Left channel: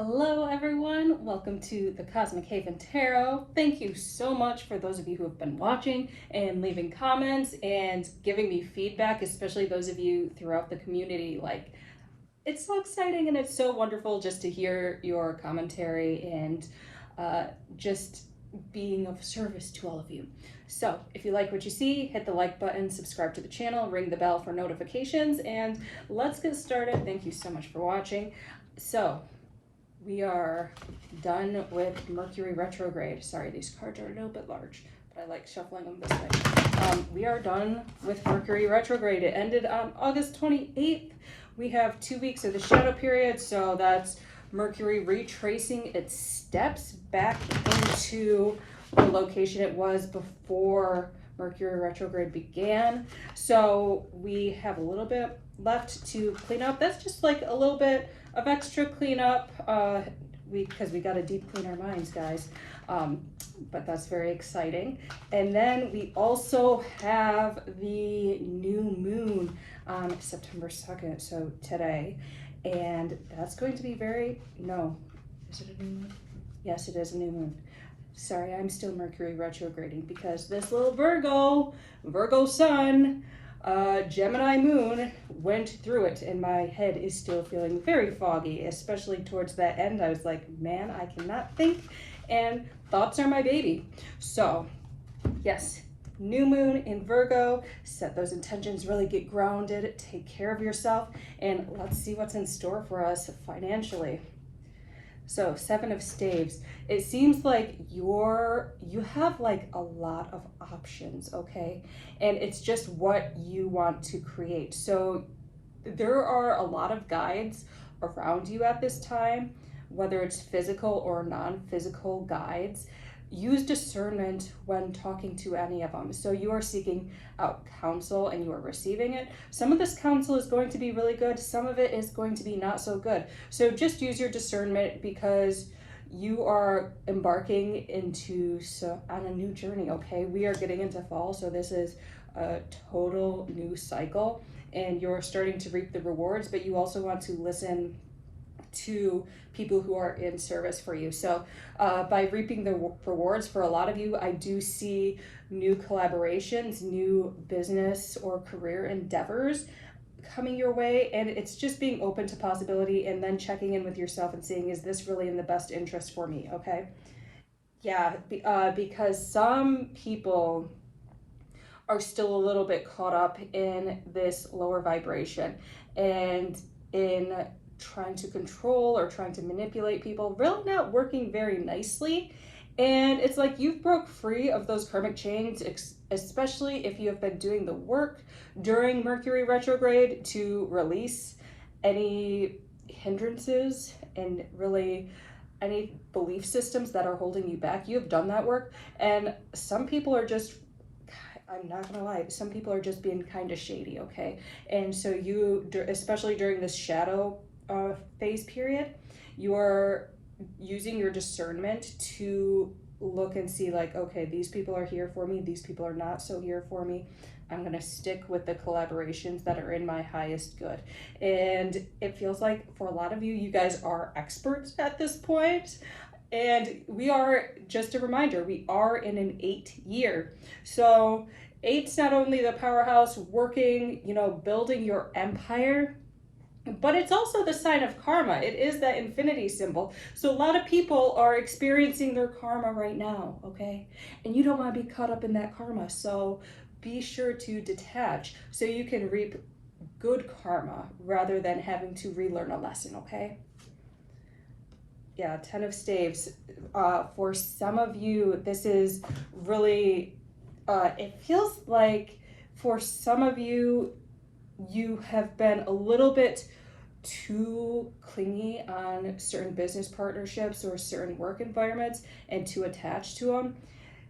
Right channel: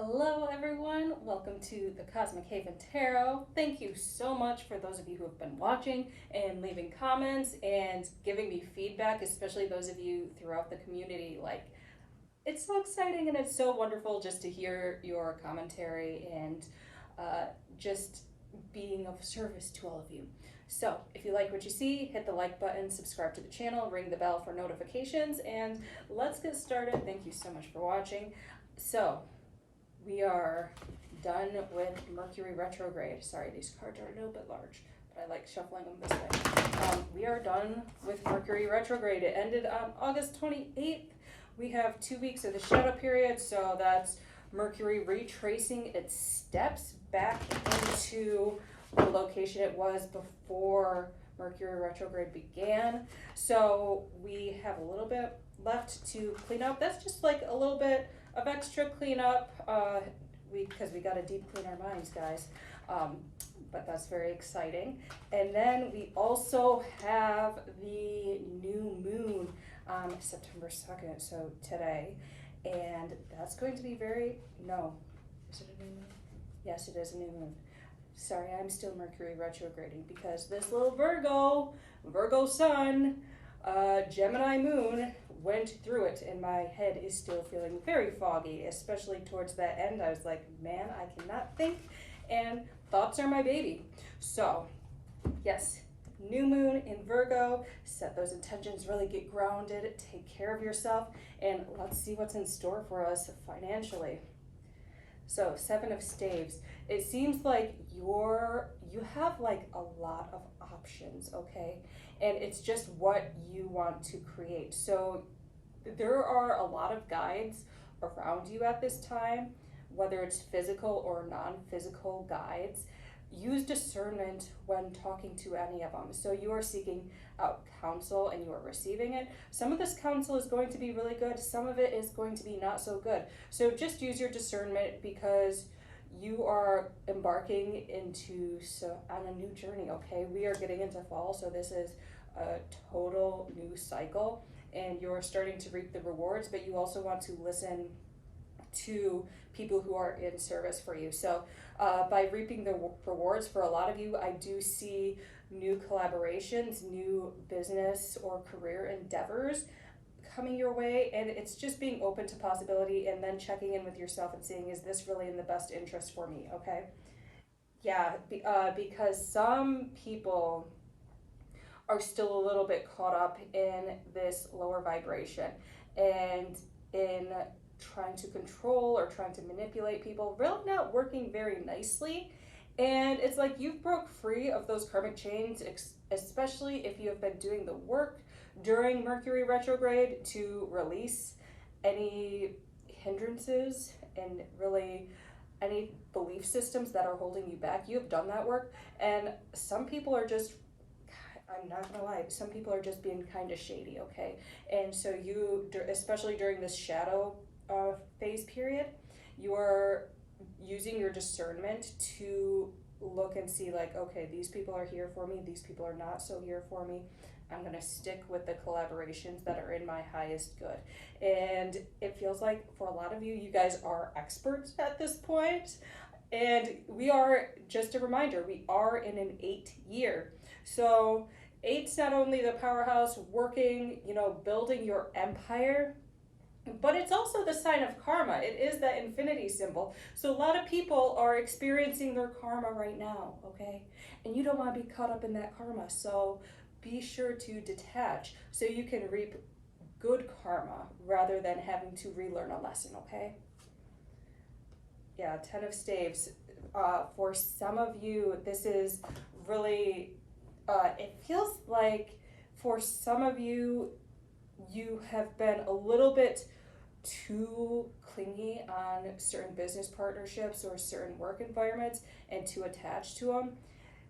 Hello, everyone. Welcome to the Cosmic Haven Tarot. Thank you so much for those of you who have been watching and leaving comments and giving me feedback, especially those of you throughout the community. It's so exciting and it's so wonderful just to hear your commentary and just being of service to all of you. So, if you like what you see, hit the like button, subscribe to the channel, ring the bell for notifications, and let's get started. Thank you so much for watching. So, we are done with Mercury retrograde. Sorry, these cards are a little bit large, but I like shuffling them this way. We are done with Mercury retrograde. It ended on August 28th. We have 2 weeks of the shadow period, so that's Mercury retracing its steps back into the location it was before Mercury retrograde began. So we have a little bit left to clean up. That's just like a little bit of extra cleanup because we got to deep clean our minds, guys. But that's very exciting. And then we also have the new moon on September 2nd, so today. And that's going to be is it a new moon? Yes, it is a new moon. Sorry, I'm still Mercury retrograding because this little Virgo sun, Gemini moon went through it, and my head is still feeling very foggy, especially towards that end. I was like, man, I cannot think, and thoughts are my baby. So, yes, new moon in Virgo. Set those intentions, really get grounded, take care of yourself, and let's see what's in store for us financially. So, Seven of Staves. It seems like you have like a lot of options, okay? And it's just what you want to create. So, there are a lot of guides around you at this time, whether it's physical or non-physical guides. Use discernment when talking to any of them. So you are seeking out counsel and you are receiving it. Some of this counsel is going to be really good. Some of it is going to be not so good. So just use your discernment because you are embarking on a new journey, okay? We are getting into fall, so this is a total new cycle and you're starting to reap the rewards, but you also want to listen to people who are in service for you. So by reaping the rewards for a lot of you, I do see new collaborations, new business or career endeavors coming your way, and it's just being open to possibility and then checking in with yourself and seeing, is this really in the best interest for me, okay? Yeah, because some people are still a little bit caught up in this lower vibration and in trying to control or trying to manipulate people, really not working very nicely. And it's like you've broke free of those karmic chains, especially if you have been doing the work during Mercury retrograde to release any hindrances and really any belief systems that are holding you back. You have done that work, and some people are just, I'm not gonna lie, some people are just being kind of shady, okay? And so especially during this shadow phase period, you are using your discernment to look and see like, okay, these people are here for me, these people are not so here for me. I'm gonna stick with the collaborations that are in my highest good. And it feels like for a lot of you, you guys are experts at this point. And we are, just a reminder, we are in an 8-year. So 8's not only the powerhouse working, building your empire, but it's also the sign of karma. It is that infinity symbol. So a lot of people are experiencing their karma right now, okay? And you don't want to be caught up in that karma. So be sure to detach so you can reap good karma rather than having to relearn a lesson, okay? Yeah, Ten of Staves. For some of you, this is really, it feels like for some of you, you have been a little bit too clingy on certain business partnerships or certain work environments and too attached to them.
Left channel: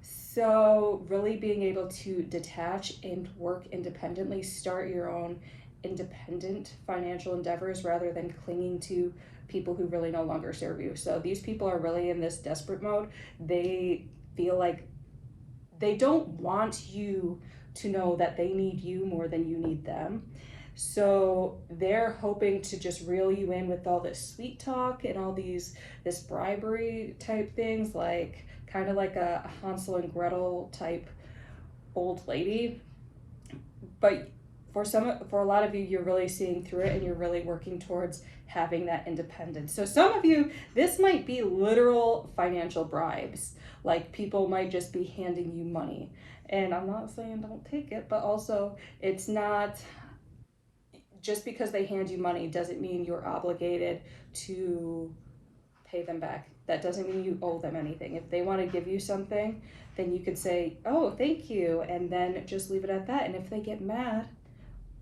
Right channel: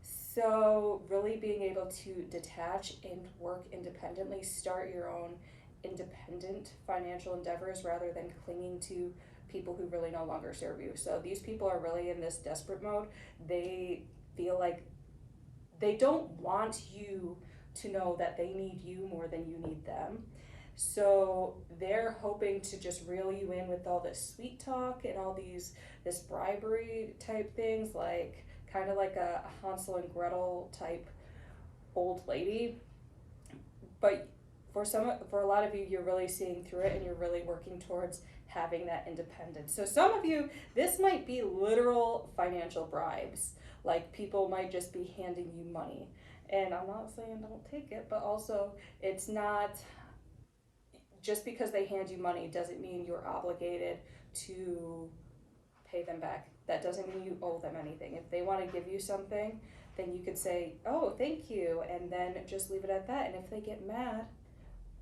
So really being able to detach and work independently, start your own independent financial endeavors rather than clinging to people who really no longer serve you. So these people are really in this desperate mode. They feel like they don't want you to know that they need you more than you need them. So they're hoping to just reel you in with all this sweet talk and all this bribery type things, like kind of like a Hansel and Gretel type old lady. But for a lot of you, you're really seeing through it and you're really working towards having that independence. So some of you, this might be literal financial bribes. Like people might just be handing you money. And I'm not saying don't take it, but also it's not just because they hand you money doesn't mean you're obligated to pay them back. That doesn't mean you owe them anything. If they want to give you something, then you could say, "Oh, thank you," and then just leave it at that. And if they get mad,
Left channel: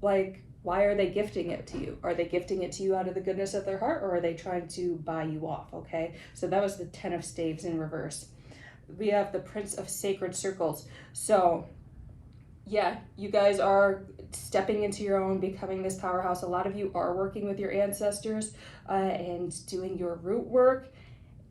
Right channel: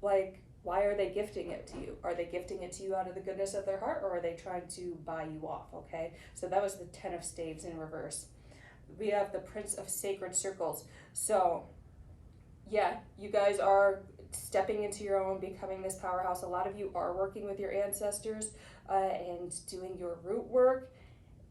like, why are they gifting it to you? Are they gifting it to you out of the goodness of their heart, or are they trying to buy you off? Okay, so that was the 10 of staves in reverse. We have the Prince of Sacred Circles. So yeah, you guys are stepping into your own, becoming this powerhouse. A lot of you are working with your ancestors and doing your root work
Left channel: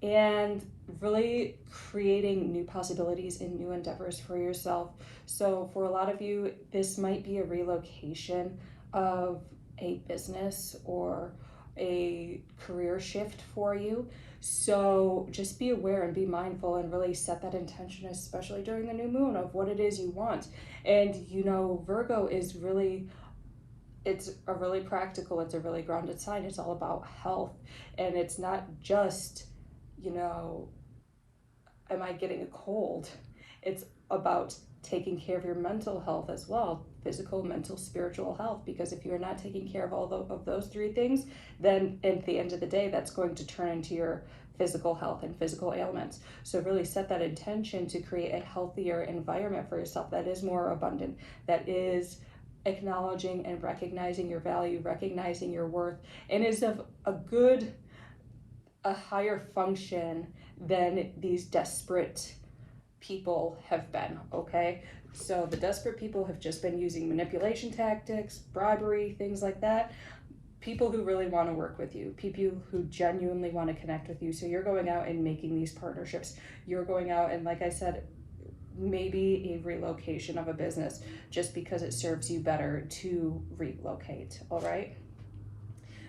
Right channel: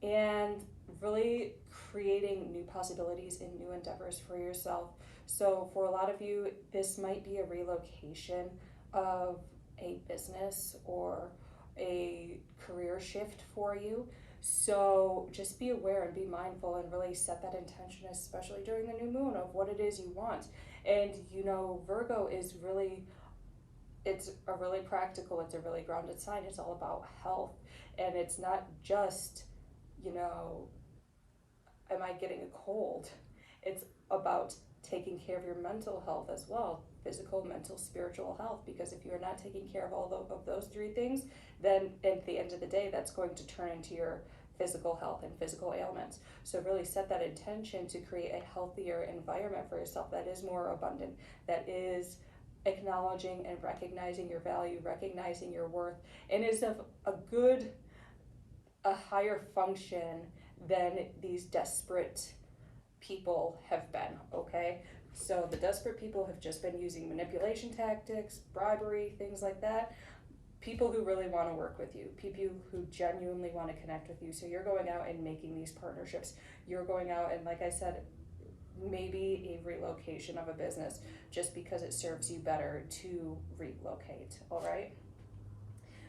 and really creating new possibilities and new endeavors for yourself. So for a lot of you, this might be a relocation of a business or a career shift for you. So just be aware and be mindful and really set that intention, especially during the new moon, of what it is you want. And Virgo is really, it's a really practical, it's a really grounded sign. It's all about health. And it's not just, am I getting a cold? It's about taking care of your mental health as well, physical, mental, spiritual health, because if you're not taking care of of those three things, then at the end of the day, that's going to turn into your physical health and physical ailments. So really set that intention to create a healthier environment for yourself that is more abundant, that is acknowledging and recognizing your value, recognizing your worth, and is of a higher function than these desperate people have been, okay? So the desperate people have just been using manipulation tactics, bribery, things like that. People who really want to work with you, people who genuinely want to connect with you. So you're going out and making these partnerships. You're going out and, like I said, maybe a relocation of a business just because it serves you better to relocate, all right?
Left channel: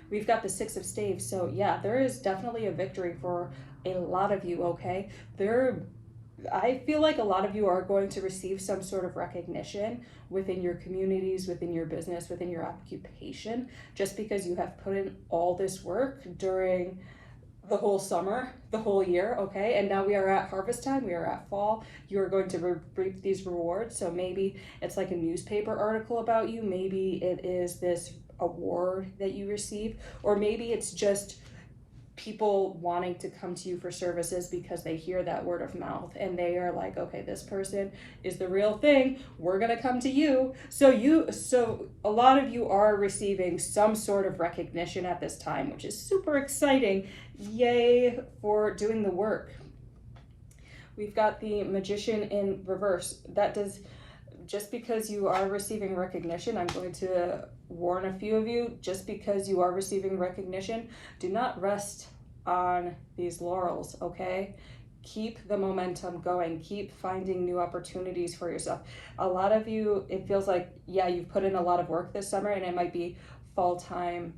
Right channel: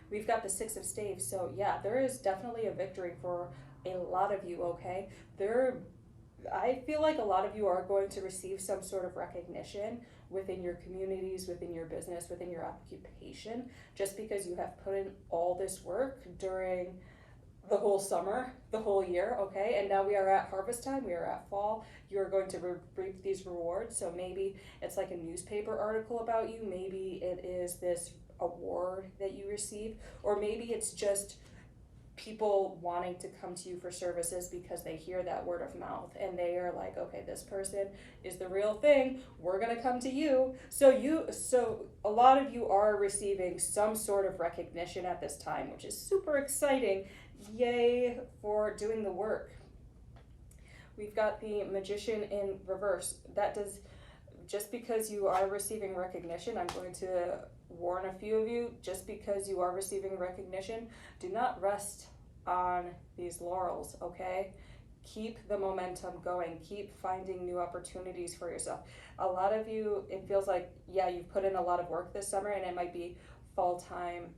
We've got the Six of Staves. So yeah, there is definitely a victory for a lot of you, okay? I feel like a lot of you are going to receive some sort of recognition within your communities, within your business, within your occupation, just because you have put in all this work during the whole summer, the whole year, okay? And now we are at harvest time, we are at fall. You are going to reap these rewards. So maybe it's like a newspaper article about you, maybe it is this award that you receive, or maybe it's just people wanting to come to you for services because they hear that word of mouth and they are like, okay, this person is the real thing, we're going to come to you. So a lot of you are receiving some sort of recognition at this time, which is super exciting. Yay for doing the work. We've got the Magician in reverse. That does, just because you are receiving recognition, I'm going to warn a few of you, just because you are receiving recognition, do not rest on these laurels, okay? Keep the momentum going. Keep finding new opportunities for yourself. A lot of you, it feels like, yeah, you've put in a lot of work this summer and it might be fall time.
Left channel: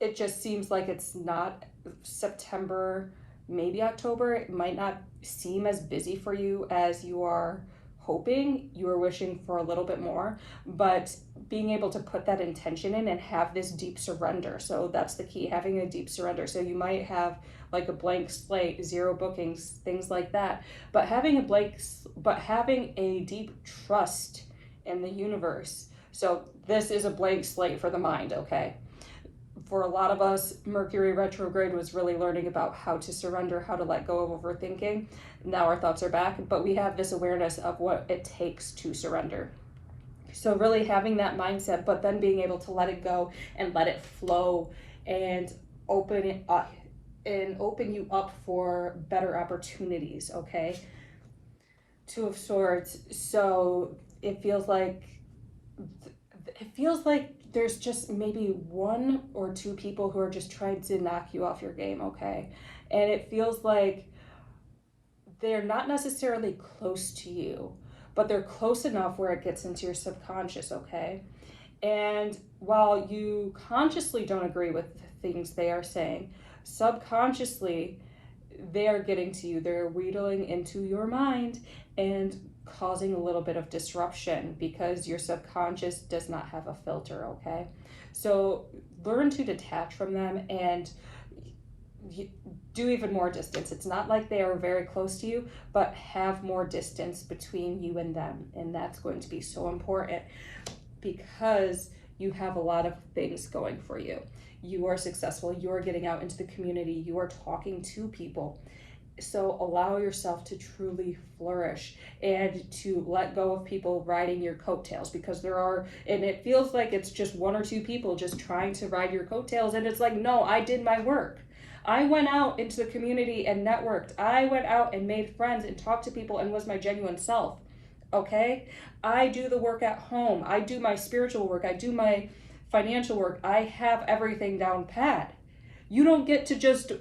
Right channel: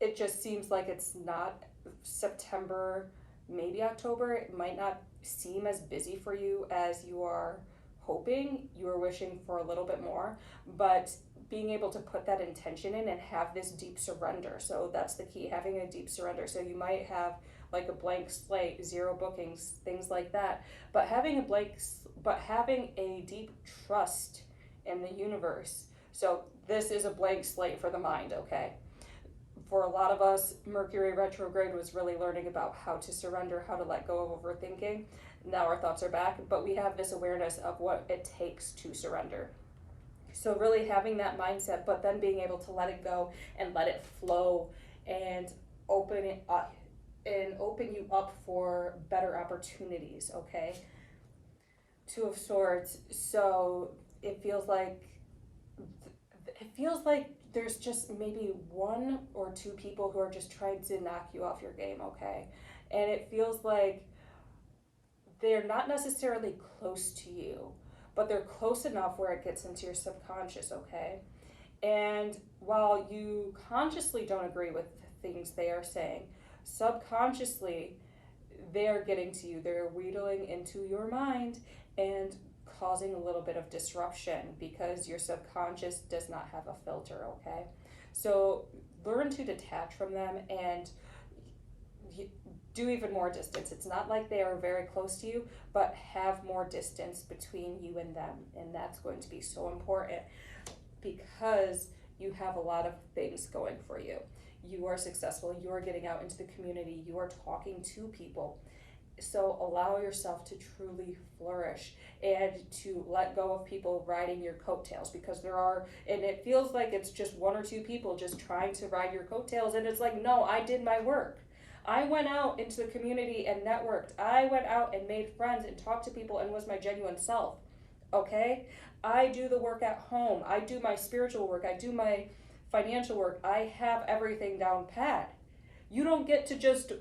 It just seems like it's not September, maybe October. It might not seem as busy for you as you are hoping. You are wishing for a little bit more, but being able to put that intention in and have this deep surrender. So that's the key, having a deep surrender. So you might have like a blank slate, 0 bookings, things like that, but having a deep trust in the universe. So this is a blank slate for the mind, okay? For a lot of us, Mercury retrograde was really learning about how to surrender, how to let go of overthinking. Now our thoughts are back, but we have this awareness of what it takes to surrender. So really having that mindset, but then being able to let it go and let it flow and open it up and open you up for better opportunities, okay? Two of Swords. So it feels like there's just maybe 1 or 2 people who are just trying to knock you off your game, okay? And it feels like they're not necessarily close to you, but they're close enough where it gets into your subconscious, okay? And while you consciously don't agree with things they are saying, subconsciously they are getting to you. They're wheedling into your mind and causing a little bit of disruption because your subconscious does not have a filter, okay? So learn to detach from them and do even more distance. It's not like they are very close to you, but have more distance between you and them. And that's going to be so important because you have a lot of things going for you. You are successful, you are getting out into the community, you are talking to people. So allow yourself to truly flourish and to let go of people riding your coattails, because there are, and it feels like it's just one or two people just trying to ride your coattails, and it's like, no, I did my work. I went out into the community and networked. I went out and made friends and talked to people and was my genuine self. Okay? I do the work at home. I do my spiritual work. I do my financial work. I have everything down pat. You don't get to just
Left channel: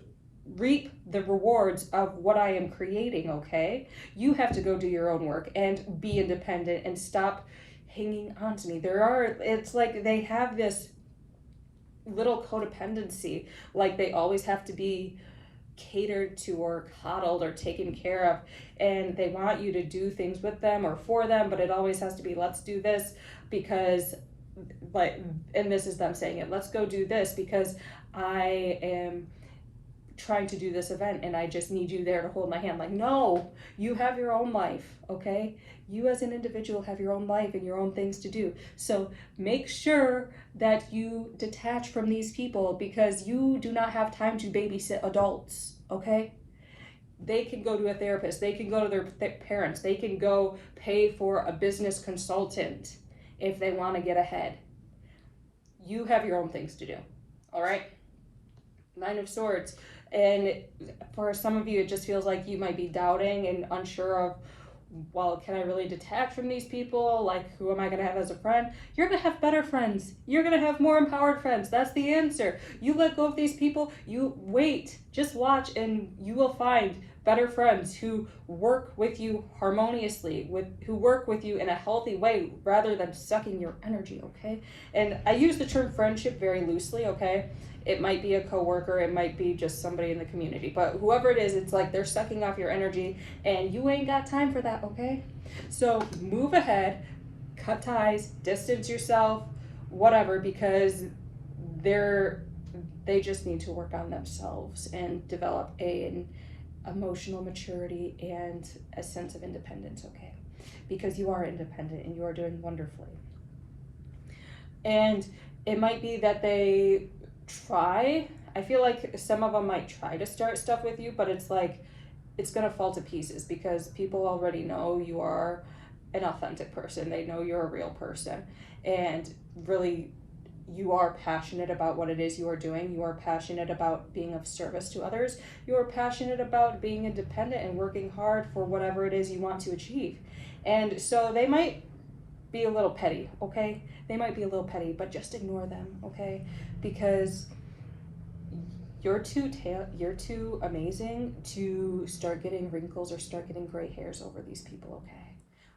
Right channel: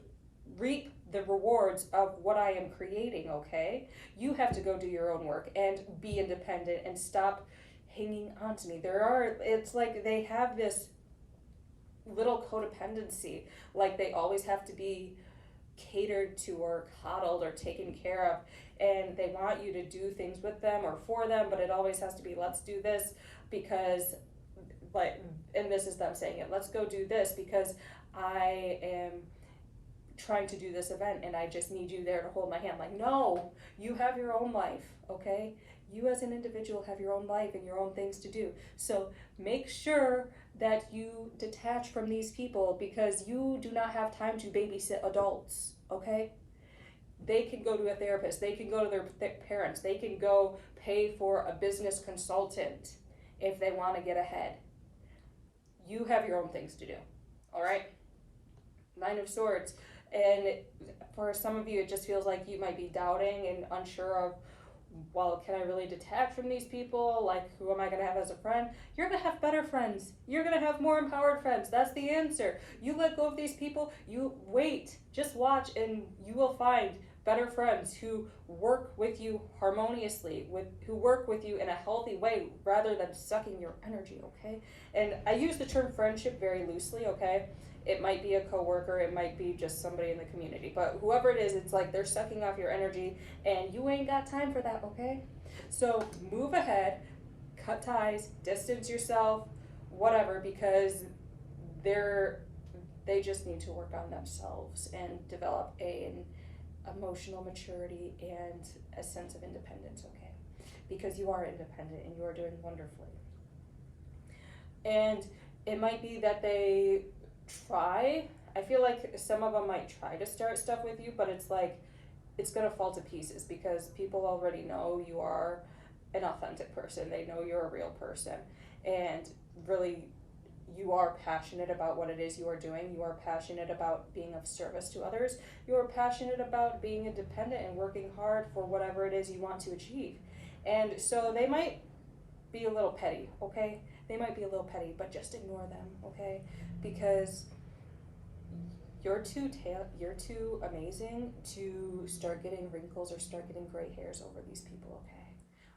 reap the rewards of what I am creating, okay? You have to go do your own work and be independent and stop hanging on to me. It's like they have this little codependency, like they always have to be catered to or coddled or taken care of, and they want you to do things with them or for them, but it always has to be, let's do this because, like, and this is them saying it, let's go do this because I am trying to do this event and I just need you there to hold my hand. Like, no, you have your own life, okay? You as an individual have your own life and your own things to do. So make sure that you detach from these people because you do not have time to babysit adults, okay? They can go to a therapist, they can go to their parents, they can go pay for a business consultant if they want to get ahead. You have your own things to do, all right? Nine of Swords. And for some of you, it just feels like you might be doubting and unsure of, well, can I really detach from these people? Like, who am I going to have as a friend? You're going to have better friends. You're going to have more empowered friends. That's the answer. You let go of these people, you wait, just watch, and you will find better friends who work with you harmoniously, who work with you in a healthy way rather than sucking your energy, okay? And I use the term friendship very loosely, okay? It might be a coworker, it might be just somebody in the community, but whoever it is, it's like they're sucking off your energy and you ain't got time for that, okay? So move ahead, cut ties, distance yourself, whatever, because they just need to work on themselves and develop an emotional maturity and a sense of independence, okay? Because you are independent and you are doing wonderfully. And it might be that they try. I feel like some of them might try to start stuff with you, but it's like it's gonna fall to pieces because people already know you are an authentic person. They know you're a real person, and really you are passionate about what it is you are doing. You are passionate about being of service to others. You are passionate about being independent and working hard for whatever it is you want to achieve. And so they might be a little petty, okay? They might be a little petty, but just ignore them, okay? Because you're too amazing to start getting wrinkles or start getting gray hairs over these people, okay?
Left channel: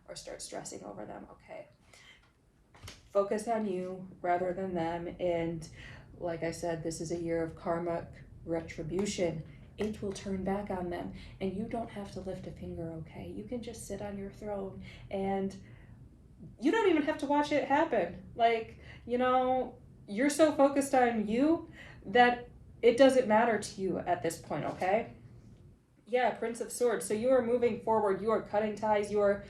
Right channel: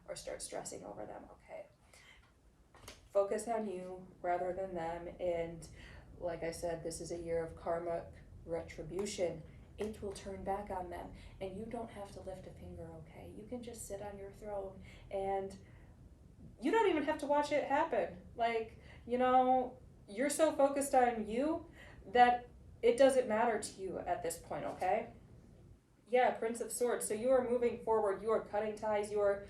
Or start stressing over them, okay? Focus on you rather than them, and like I said, this is a year of karmic retribution. It will turn back on them, and you don't have to lift a finger, okay? You can just sit on your throne and you don't even have to watch it happen. Like, you're so focused on you that it doesn't matter to you at this point, okay? Yeah, Prince of Swords. So you are moving forward, you are cutting ties, you are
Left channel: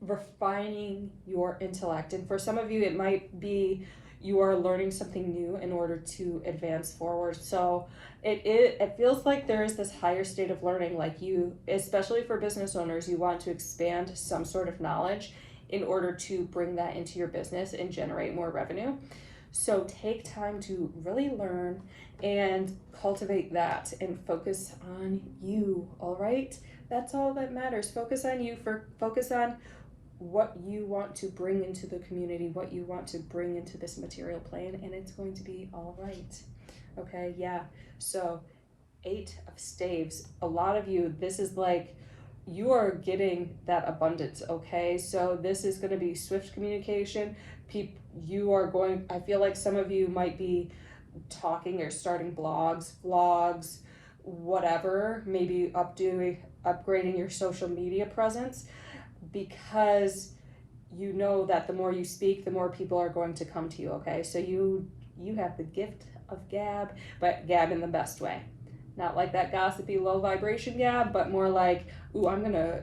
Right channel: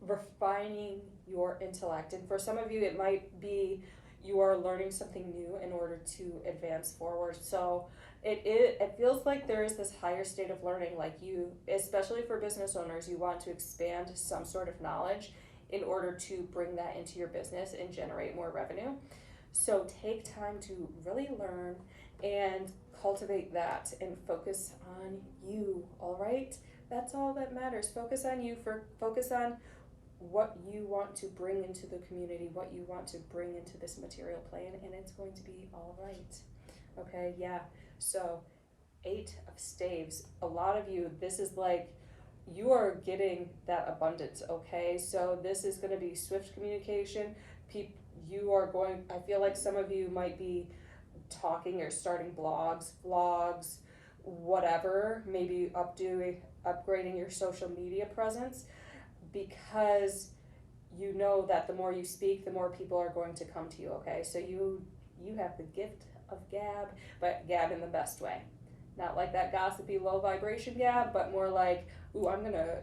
refining your intellect. And for some of you, it might be you are learning something new in order to advance forward. So it feels like there is this higher state of learning, like you, especially for business owners, you want to expand some sort of knowledge in order to bring that into your business and generate more revenue. So take time to really learn and cultivate that and focus on you, all right? That's all that matters. Focus on you, focus on what you want to bring into the community, what you want to bring into this material plane, and it's going to be all right. Okay, yeah. So 8 of Staves. A lot of you, this is like you are getting that abundance, okay? So this is going to be swift communication. I feel like some of you might be talking or starting blogs, vlogs, whatever, maybe upgrading your social media presence, because you know that the more you speak, the more people are going to come to you, okay? So you have the gift of gab, but gab in the best way. Not like that gossipy low vibration gab, but more like, ooh, I'm gonna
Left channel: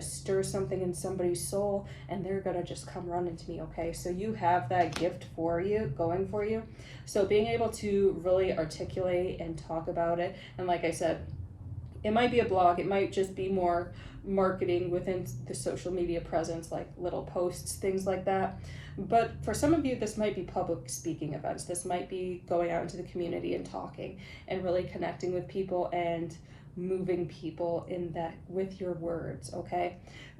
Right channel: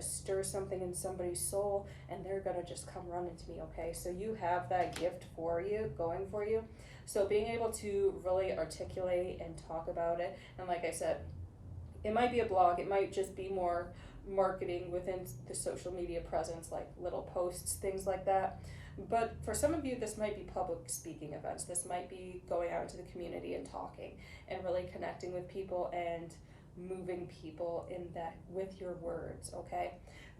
stir something in somebody's soul and they're gonna just come running to me, okay? So you have that gift for you, going for you. So being able to really articulate and talk about it, and like I said, it might be a blog, it might just be more marketing within the social media presence, like little posts, things like that. But for some of you, this might be public speaking events. This might be going out into the community and talking and really connecting with people and moving people in that with your words, okay?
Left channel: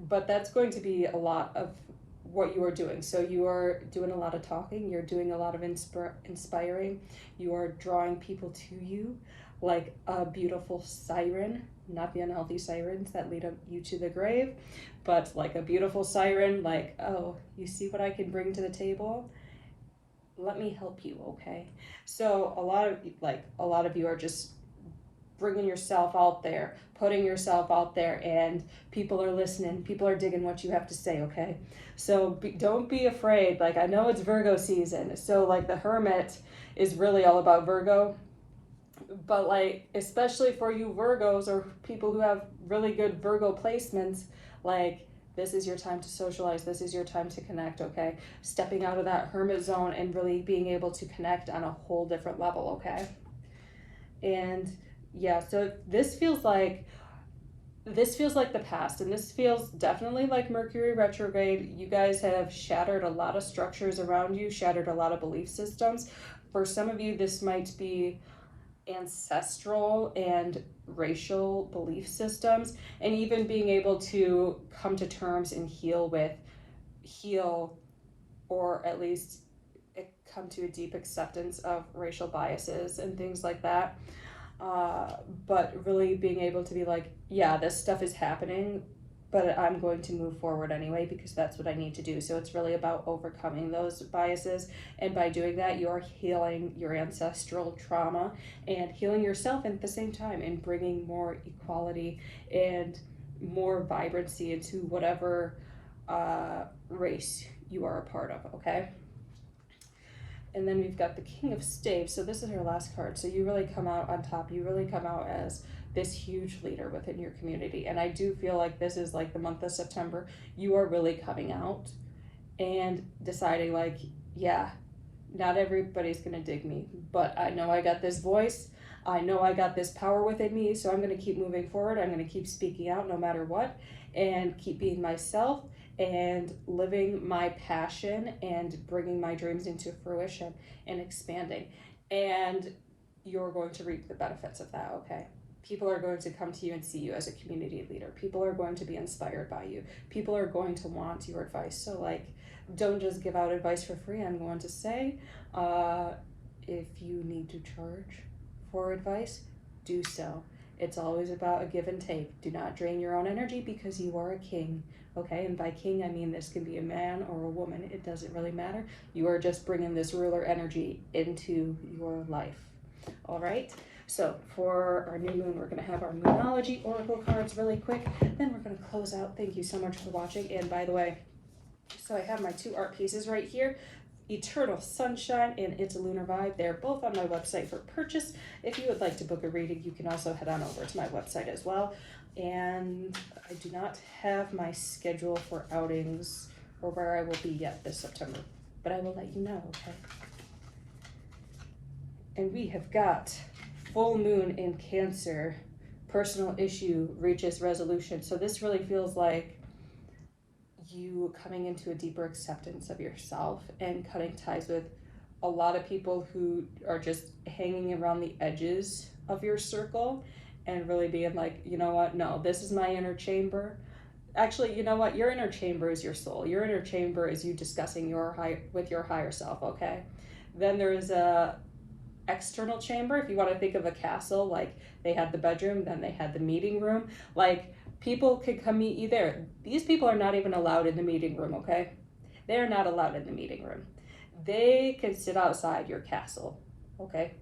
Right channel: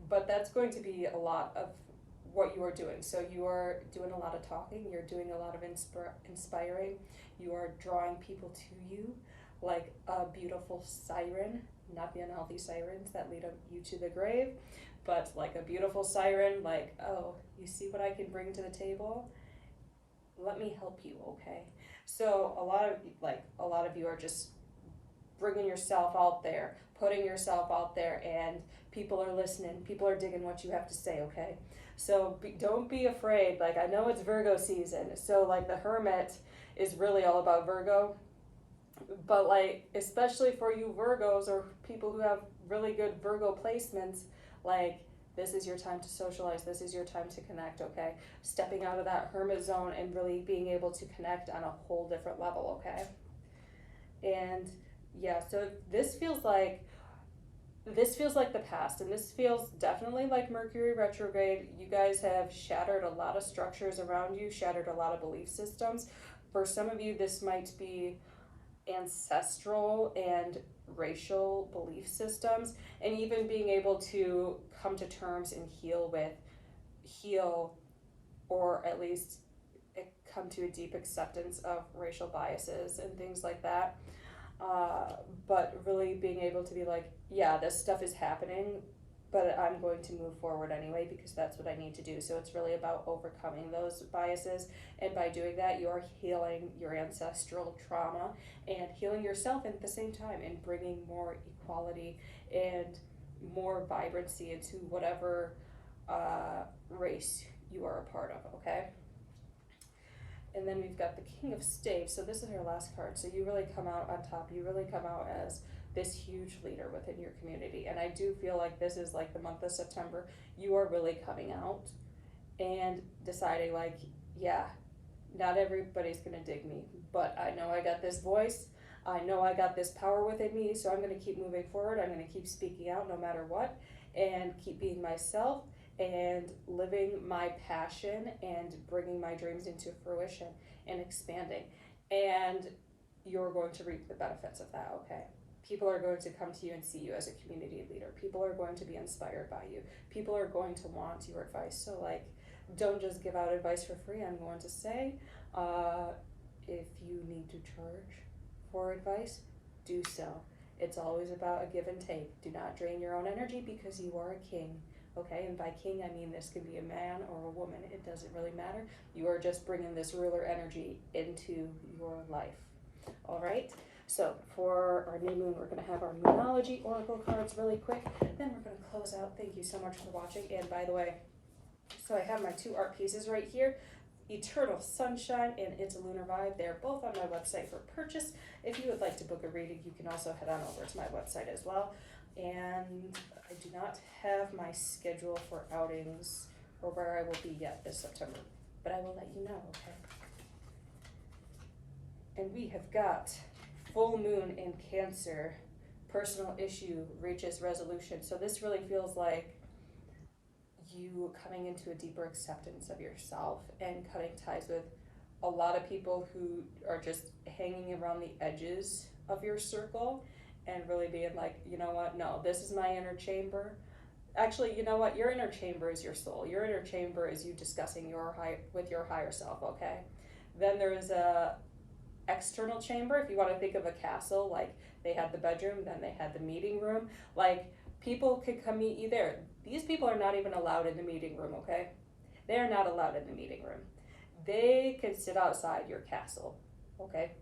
But that's going to be a lot of what you are doing. So you are doing a lot of talking, you're doing a lot of inspiring, you are drawing people to you like a beautiful siren, not the unhealthy sirens that lead you to the grave, but like a beautiful siren, like, oh, you see what I can bring to the table? Let me help you, okay? So a lot of you are just bringing yourself out there, putting yourself out there, and people are listening, people are digging what you have to say, okay? So don't be afraid. Like, I know it's Virgo season, so like the Hermit is really all about Virgo, but like especially for you Virgos or people who have really good Virgo placements, like this is your time to socialize, this is your time to connect, okay? Stepping out of that hermit zone and really being able to connect on a whole different level, okay? And yeah, so this feels like the past, and this feels definitely like Mercury retrograde. You guys have shattered a lot of structures around you, shattered a lot of belief systems. For some of you, this might be ancestral and racial belief systems, and even being able to come to terms and heal, or at least come to a deep acceptance of racial biases and things like that. But really being able to be like, yeah, this stuff is happening, but I'm going to move forward anyway because that's what I need to do. So it's really about overcoming those biases. And by doing that, you are healing your ancestral trauma and healing yourself at the same time, and bringing more equality and more vibrancy into whatever race you are a part of, okay? And then we've got the King of Staves. So this is her last card. So you really come out on top. You really come out as this huge leader within your community. And I do feel like this is like the month of September. You are really coming out and deciding like, yeah, not everybody's going to dig me, but I know I got this voice. I know I got this power within me. So I'm going to keep moving forward. I'm going to keep speaking out no matter what, and keep being myself and living my passion and bringing my dreams into fruition and expanding. And you're going to reap the benefits of that, okay? People are going to come to you and see you as a community leader. People are going to be inspired by you. People are going to want your advice. So like, don't just give out advice for free. I'm going to say, if you need to charge for advice, do so. It's always about a give and take. Do not drain your own energy because you are a king. Okay, and by king, I mean this can be a man or a woman. It doesn't really matter. You are just bringing this ruler energy into your life. All right, so for our new moon, we're going to have our Moonology Oracle cards really quick. Then we're going to close out. Thank you so much for watching. And by the way, so I have my two art pieces right here. Eternal Sunshine and It's a Lunar Vibe. They're both on my website for purchase. If you would like to book a reading, you can also head on over to my website as well. And I do not have my schedule for outings or where I will be yet this September, but I will let you know, okay? And we have got full moon in Cancer. Personal issue reaches resolution. So this really feels like you coming into a deeper acceptance of yourself and cutting ties with a lot of people who are just hanging around the edges of your circle, and really being like, you know what, no, this is my inner chamber. Actually, you know what, your inner chamber is your soul. Your inner chamber is you discussing with your higher self, okay? Then there is a external chamber. If you want to think of a castle, like they had the bedroom, then they had the meeting room. Like, people could come meet you there. These people are not even allowed in the meeting room, okay? They're not allowed in the meeting room. They can sit outside your castle, okay,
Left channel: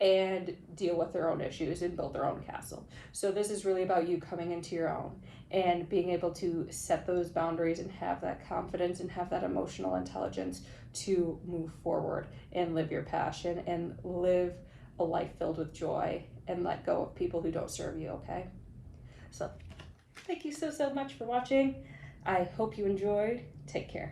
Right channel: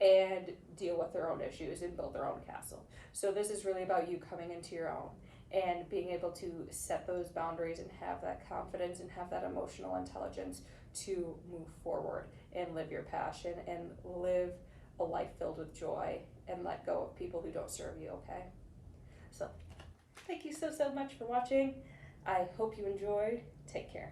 and deal with their own issues and build their own castle. So this is really about you coming into your own and being able to set those boundaries and have that confidence and have that emotional intelligence to move forward and live your passion and live a life filled with joy and let go of people who don't serve you, okay? So thank you so much for watching. I hope you enjoyed. Take care.